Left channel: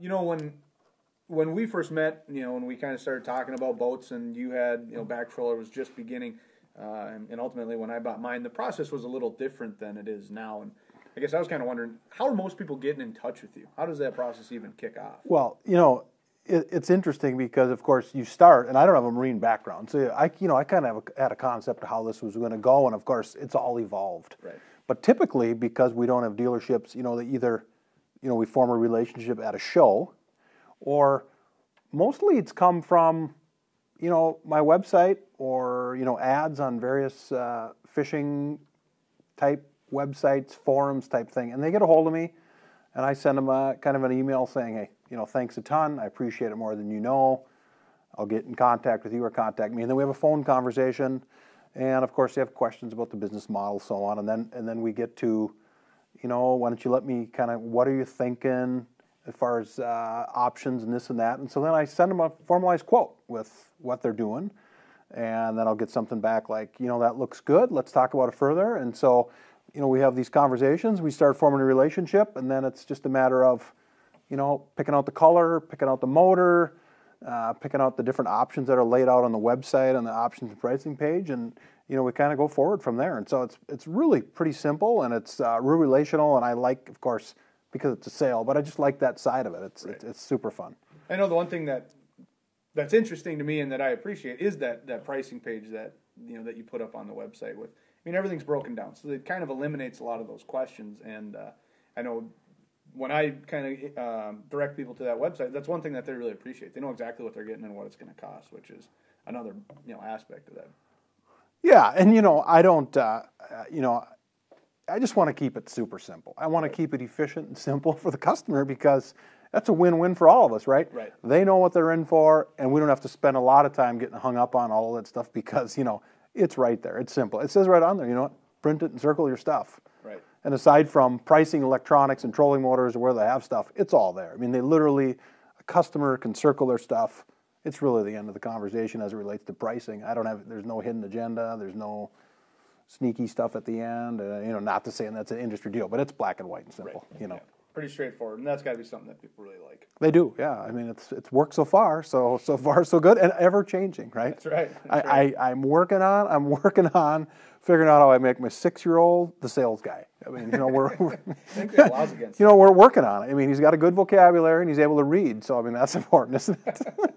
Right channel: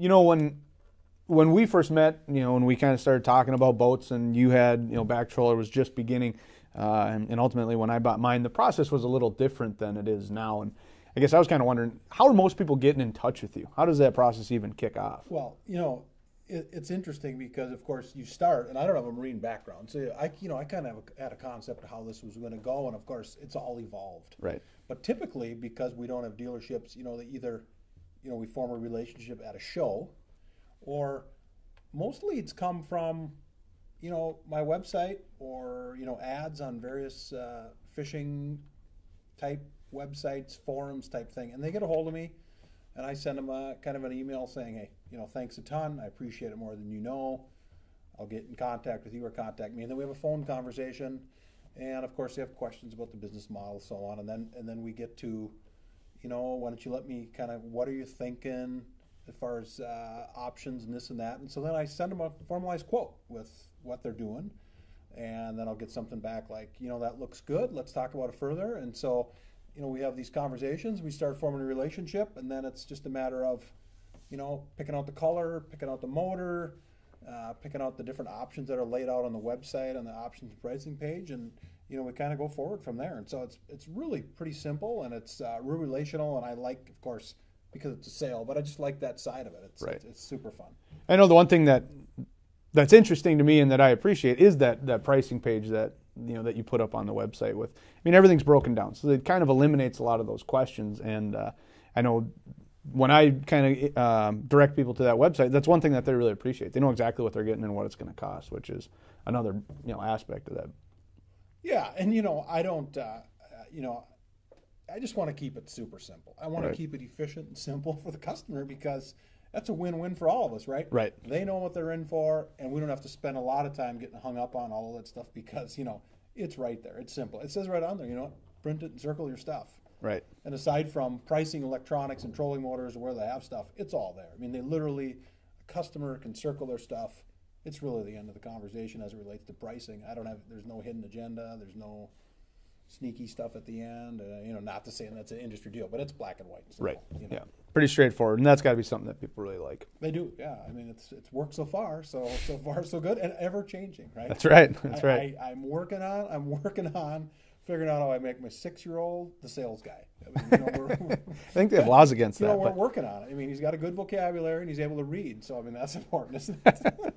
You know, when we first met, you know, when we kind of started talking about boats, and you had, you know, Back Troller was just beginning, and ultimately when I bought mine, the process was a little different than it is now. And I guess I was kind of wondering, how are most people getting in touch with you? How does that process even kick off? Well, you know, it's interesting because, of course, you start, and I don't have a marine background, so I kind of had a concept of how this was going to go, and of course, it's all evolved. Right. But typically, because we don't have dealerships, you know, that either, you know, we form a relationship at a show, or mostly it's come from, you know, my website or, you know, ads on various fishing type websites, forums type thing, and they get a hold of me, and I send them kind of an email saying, hey, you know, thanks a ton. I appreciate it more than you know. I'll get in contact with you or contact me. And then we have a phone conversation. And of course, they have questions about the business model, so on. And then we get to, you know, why don't you let me kind of, what are you thinking as far as options and this and that. And so then I send them a formalized quote with what they're doing. And then I'll get something back like, you know, that looks good. Let's talk about it further. And so, you know, we have these conversations. We start forming a relationship. And then it's just a matter of, you know, picking out the color, picking out the motor, picking out the different options that are laid out on the website on the options and pricing page, and you know, we kind of go forward from there. And so it's really pretty simple, and it's real relational. And I like, of course, because it's a sale, but I just like that side of it. It's super fun. I know the one thing that's interesting to me and that I appreciate is that pricing page that, you know, that you put up on the website with. I mean, everything's broken down, so it kind of eliminates a lot of those questions. And I know, when I kind of direct people to that website, that's one thing that they really appreciate. They know exactly what they're getting and what it's going to cost, which is another, you know, aspect of that. Yeah, and you know, I don't, you know, I just want to keep it super simple. I want to keep it efficient and simple for the customer, because that's a win-win for all of us, right? Right. They know what they're in for, and we don't have to spend a lot of time getting hung up on all of that stuff, because, you know, it's right there. It's simple. It says right on there, you know what? Print it and circle your stuff. Right. And aside from pricing, electronics, and trolling motors, or where they have stuff, it's all there. I mean, they literally, a customer can circle their stuff. It's really the end of the conversation as it relates to pricing. There's no hidden agenda. There's no sneaky stuff at the end. You know, not to say that's an industry deal, but it's black and white and simple. Right. You know. Yeah. Pretty straightforward, and that's got to be something that people really like. They do, yeah. I mean, it's worked so far so far so good, and ever changing, right? That's right. That's right. I'm working on figuring out how I make my 6-year-old the sales guy. I mean, you know, I think there are laws against that. You know, we're working on it. I mean, he's got a good vocabulary and he's able to read. So, I mean, that's important, isn't it?